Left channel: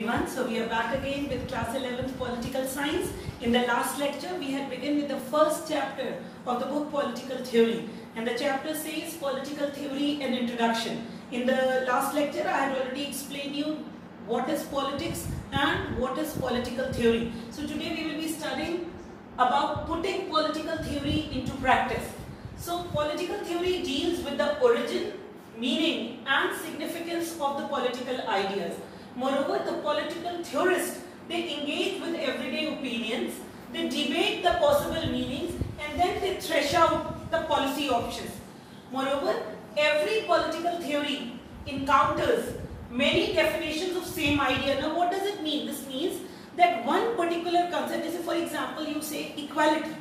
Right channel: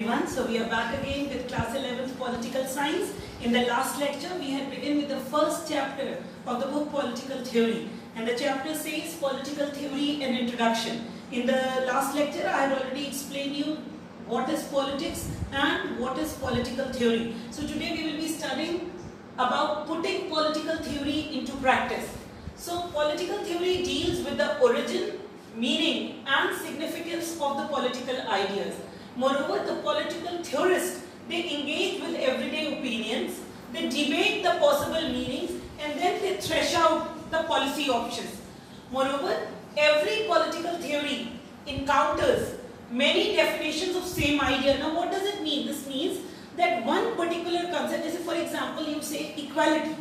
Everyone, so we are back again with class 11th political science. In the last lecture we had begun with the first chapter of the book Political Theory, and the chapter says Political Theory and Introduction. In the last lecture I had already explained you what is politics and what is political theory. So today we will be studying about putting political theory into practice. So political theory deals with the origin, meaning and significance of the political ideas. Moreover, the political theorists, they engage with everyday opinions, they debate the possible meanings, and then they thresh out the policy options. Moreover, every political theory encounters many definitions of same idea. Now what does it mean? This means that one particular concept, is, for example, you say equality.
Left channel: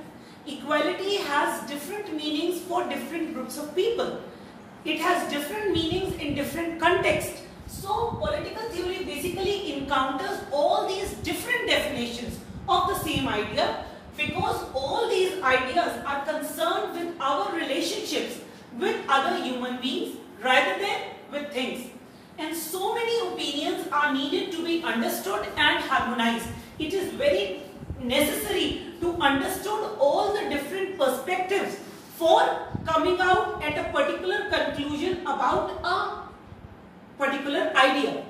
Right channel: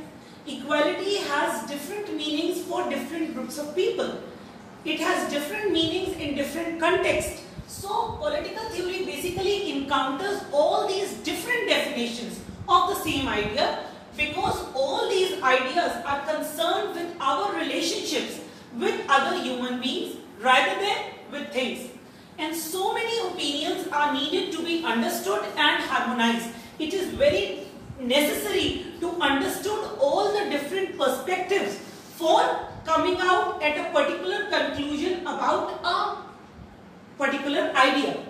Equality has different meanings for different groups of people. It has different meanings in different contexts. So political theory basically encounters all these different definitions of the same idea, because all these ideas are concerned with our relationships with other human beings rather than with things. And so many opinions are needed to be understood and harmonized. It is very necessary to understand all the different perspectives for coming out at a particular conclusion about a particular idea.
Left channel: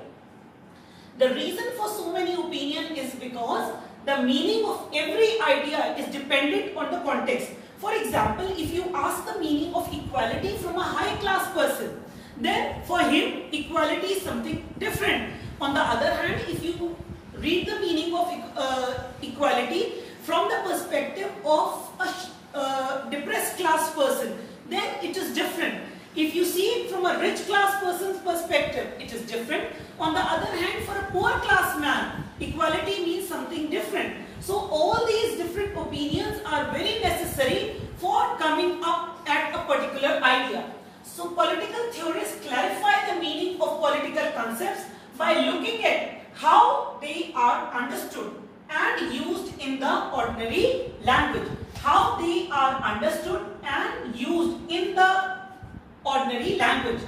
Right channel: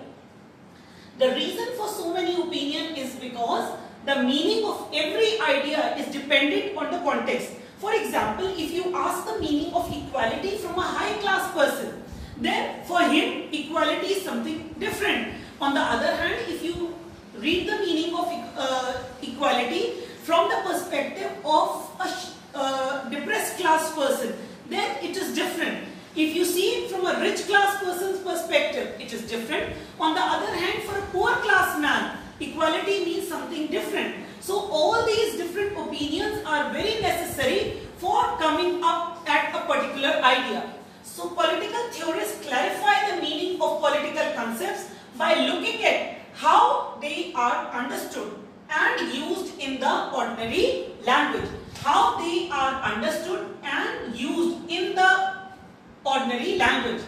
The reason for so many opinions is because the meaning of every idea is dependent on the context. For example, if you ask the meaning of equality from a high class person, then for him equality is something different. On the other hand, if you read the meaning of equality from the perspective of a depressed class person, then it is different. If you see it from a rich class person's perspective, it is different. On the other hand, for a poor class man, equality means something different. So all these different opinions are very necessary for coming up at a particular idea. So political theorists clarify the meaning of political concepts by looking at how they are understood and used in the ordinary language. How they are understood and used in the ordinary language.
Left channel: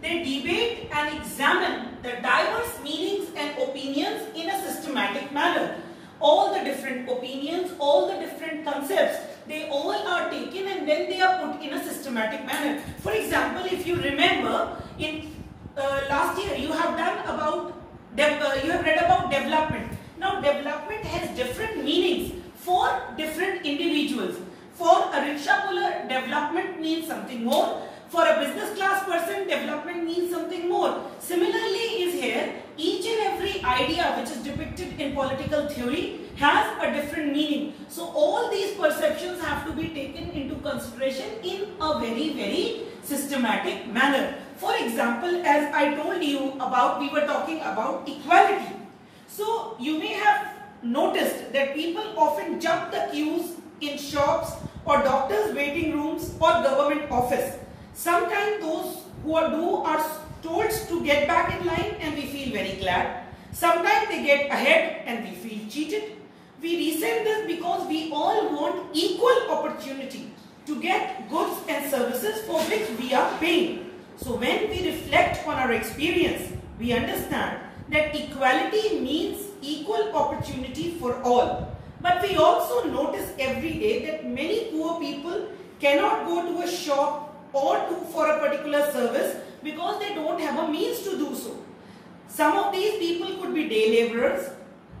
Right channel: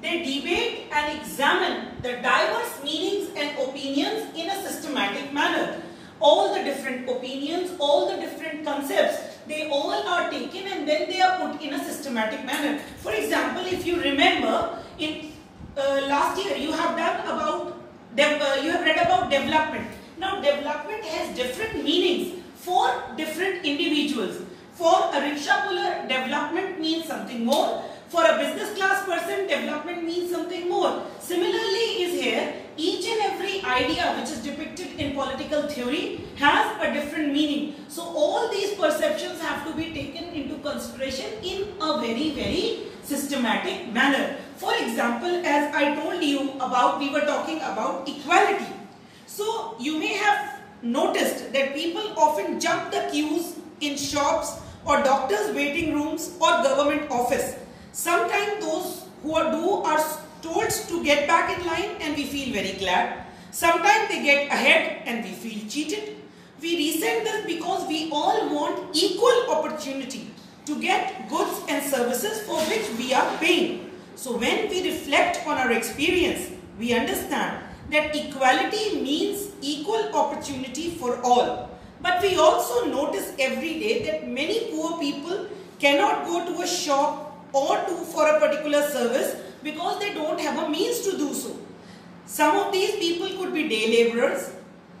They debate and examine the diverse meanings and opinions in a systematic manner. All the different opinions, all the different concepts, they all are taken and then they are put in a systematic manner. For example, if you remember, in last year you have read about development. Now development has different meanings for different individuals. For a rickshaw puller, development means something more. For a business class person, development means something more. Similarly is here, each and every idea which is depicted in political theory has a different meaning. So all these perceptions have to be taken into consideration in a very, very systematic manner. For example, as I told you about, we were talking about equality. So you may have noticed that people often jump the queues in shops or doctors' waiting rooms or government office. Sometimes those who are told to get back in line and we feel very glad. Sometimes they get ahead and we feel cheated. We resent this because we all want equal opportunity to get goods and services for which we are paying. So when we reflect on our experience, we understand that equality means equal opportunity for all. But we also notice every day that many poor people cannot go to a shop or for a particular service because they don't have a means to do so. Some of these people could be day laborers,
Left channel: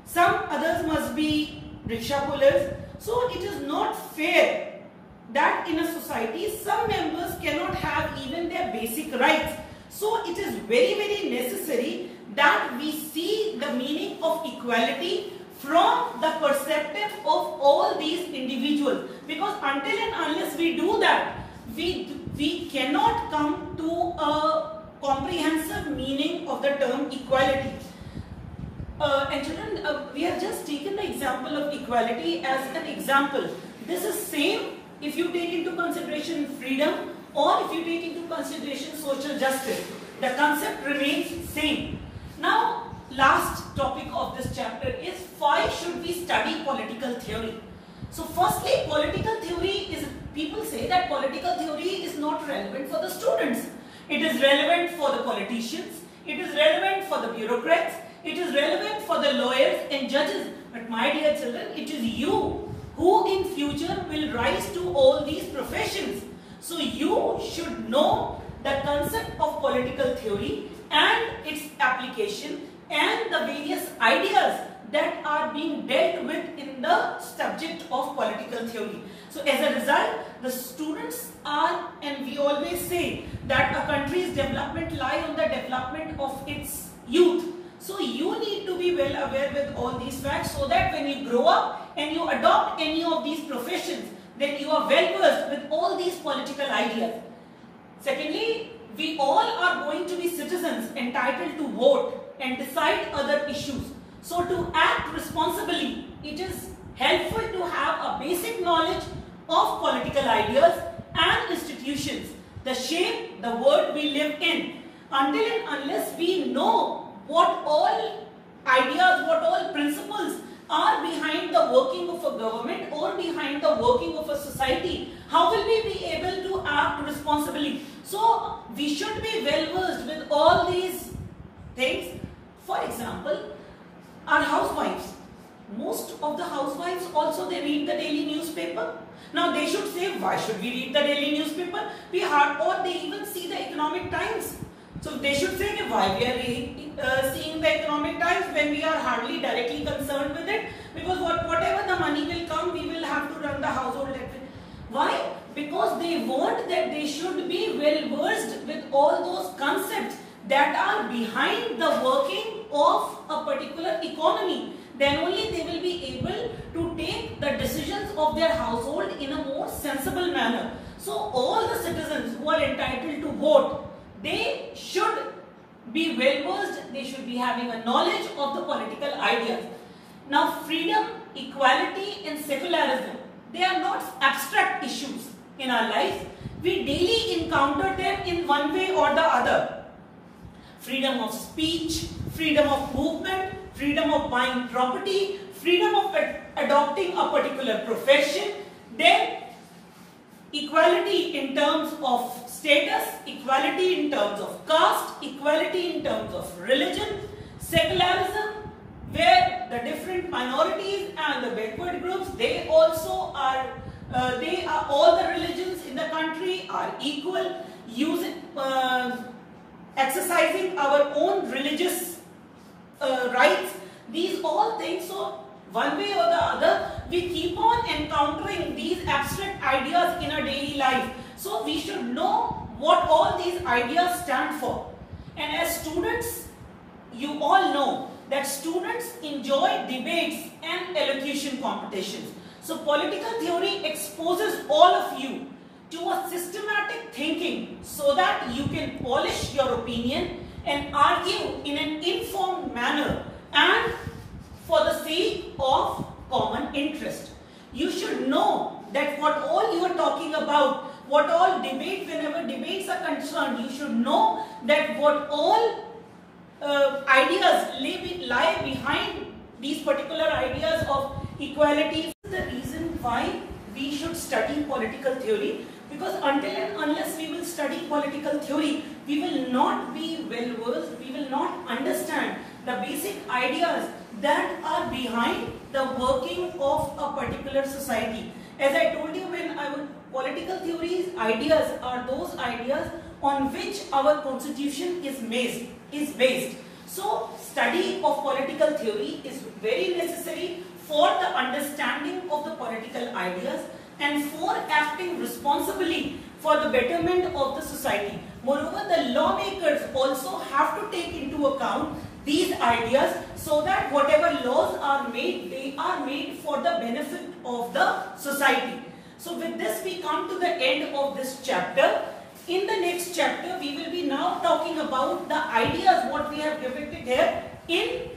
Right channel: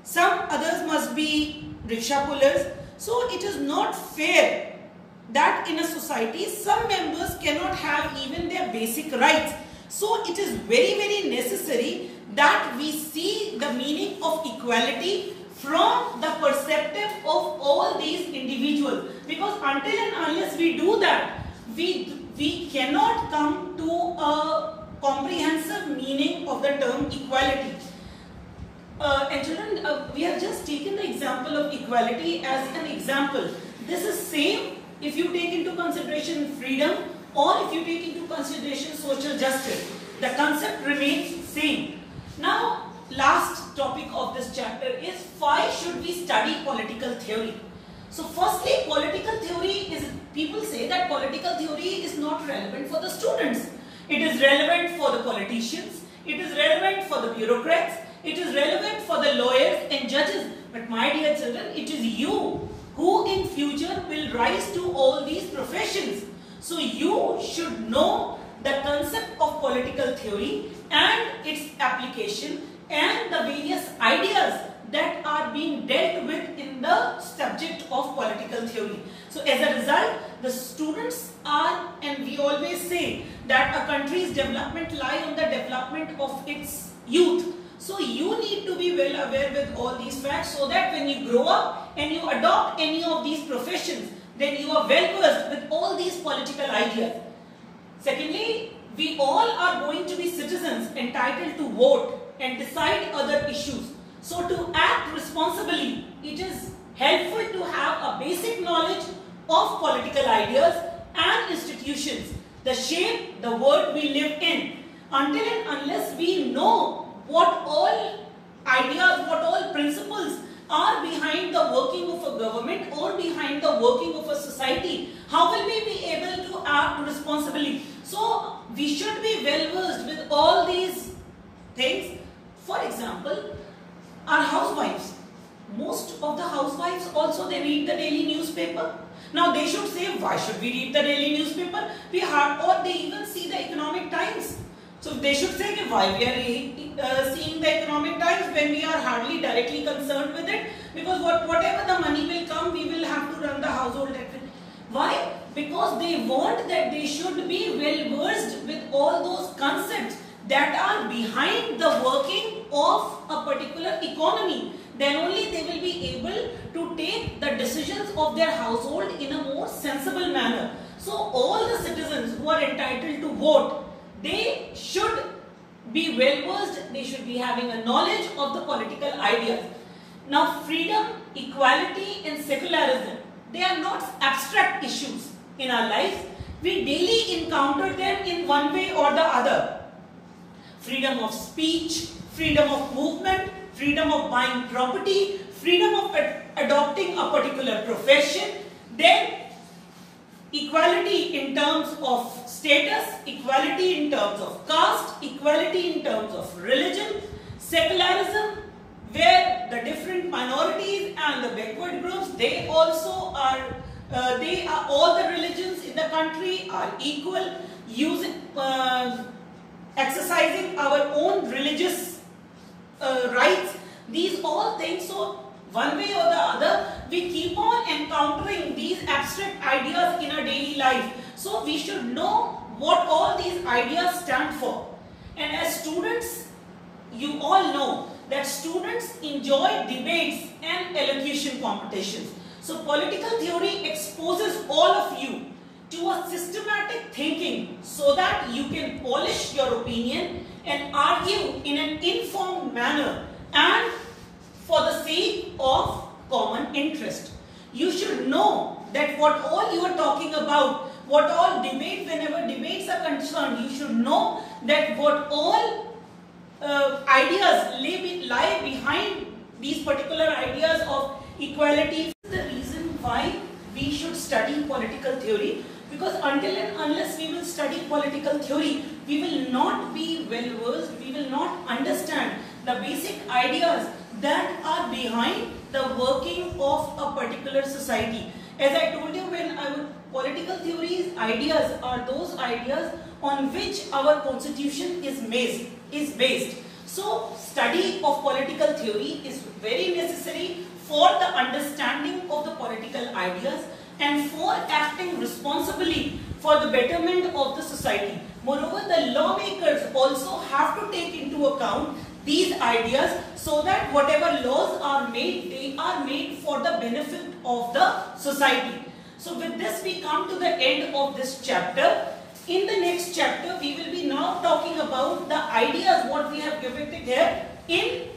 some others must be rickshaw pullers. So it is not fair that in a society some members cannot have even their basic rights. So it is very, very necessary that we see the meaning of equality from the perspective of all these individuals, because until and unless we do that, we cannot come to a comprehensive meaning of the term equality. And children, we have just taken the example of equality as an example. This is same if you take into consideration freedom or if you take into consideration social justice. The concept remains same. Now, last topic of this chapter is why should we study political theory? So firstly, political theory is, people say that political theory is not relevant for the students. It is relevant for the politicians, it is relevant for the bureaucrats, it is relevant the lawyers and judges. But my dear children, it is you who in future will rise to all these professions. So you should know the concept of political theory and its application and the various ideas that are being dealt with in the subject of political theory. So as a result, the students are, and we always say that a country's development lies on the development of its youth. So you need to be well aware with all these facts, so that when you grow up and you adopt any of these professions, then you are well versed with all these political ideas. Secondly, we all are going to be citizens entitled to vote and decide other issues. So to act responsibly, it is helpful to have a basic knowledge of political ideas and institutions, the shape the world we live in. Until and unless we know what all ideas, what all principles are behind the working of a government or behind the working of a society, how will we be able to act responsibly? So we should be well versed with all these things. For example, our housewives. Most of the housewives also, they read the daily newspaper. Now they should say, why should we read the daily newspaper? Or they even see the Economic Times. So they should say, why we are seeing the Economic Times when we are hardly directly concerned with it? Because whatever the money will come, we will have to run the household. Why? Because they want that they should be well versed with all those concepts that are behind the working of a particular economy. Then only they will be able to take the decisions of their household in a more sensible manner. So all the citizens who are entitled to vote, they should be well versed, they should be having a knowledge of the political ideas. Now freedom, equality and secularism, they are not abstract issues in our life. We daily encounter them in one way or the other. Freedom of speech, freedom of movement, freedom of buying property, freedom of adopting a particular profession, then equality in terms of status, equality in terms of caste, equality in terms of religion, secularism, where the different minorities and the backward groups, they also are, all the religions in the country are equal, exercising our own religious rights, these all things. So one way or the other, we keep on encountering these abstract ideas in our daily life. So we should know what all these ideas stand for. And as students, you all know that students enjoy debates and elocution competitions. So political theory exposes all of you to a systematic thinking so that you can polish your opinion and argue in an informed manner and for the sake of common interest. You should know that what all you are talking about, what all debate, whenever debates are concerned, you should know that what all ideas lie behind these particular ideas of equality. The reason why we should study political theory, because until and unless we will study political theory, we will not be well versed, we will not understand the basic ideas that are behind the working of a particular society. As I told you, political theories, ideas are those ideas on which our constitution is based. So study of political theory is very necessary for the understanding of the political ideas and for acting responsibly for the betterment of the society. Moreover, the lawmakers also have to take into account these ideas so that whatever laws are made, they are made for the benefit of the society. So with this, we come to the end of this chapter. In the next chapter, we will be now talking about the ideas what we have depicted here in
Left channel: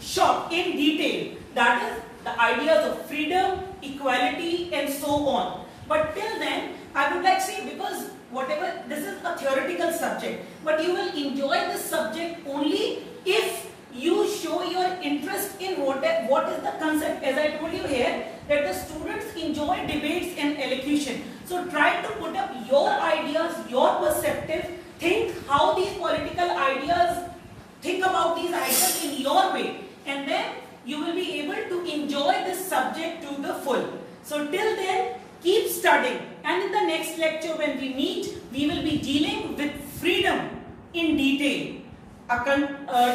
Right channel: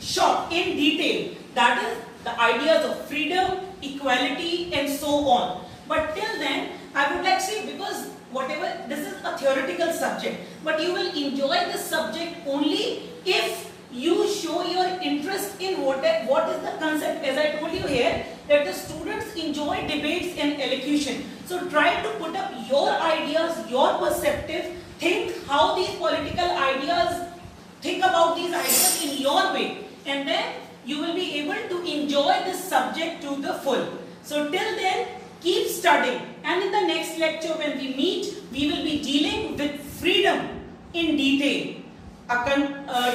short, in detail. That is the ideas of freedom, equality and so on. But till then, I would like to say, because this is a theoretical subject, but you will enjoy this subject only if you show your interest in what is the concept. As I told you here, that the students enjoy debates and elocution. So try to put up your ideas, your perspective, think how these political ideas, think about these ideas in your way. and then you will be able to enjoy this subject to the full. So till then, keep studying, and in the next lecture when we meet, we will be dealing with freedom in detail, a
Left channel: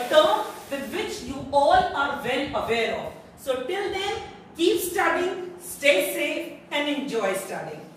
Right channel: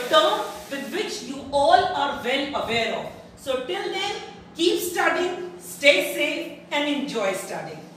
term with which you all are well aware of. So till then, keep studying, stay safe and enjoy studying.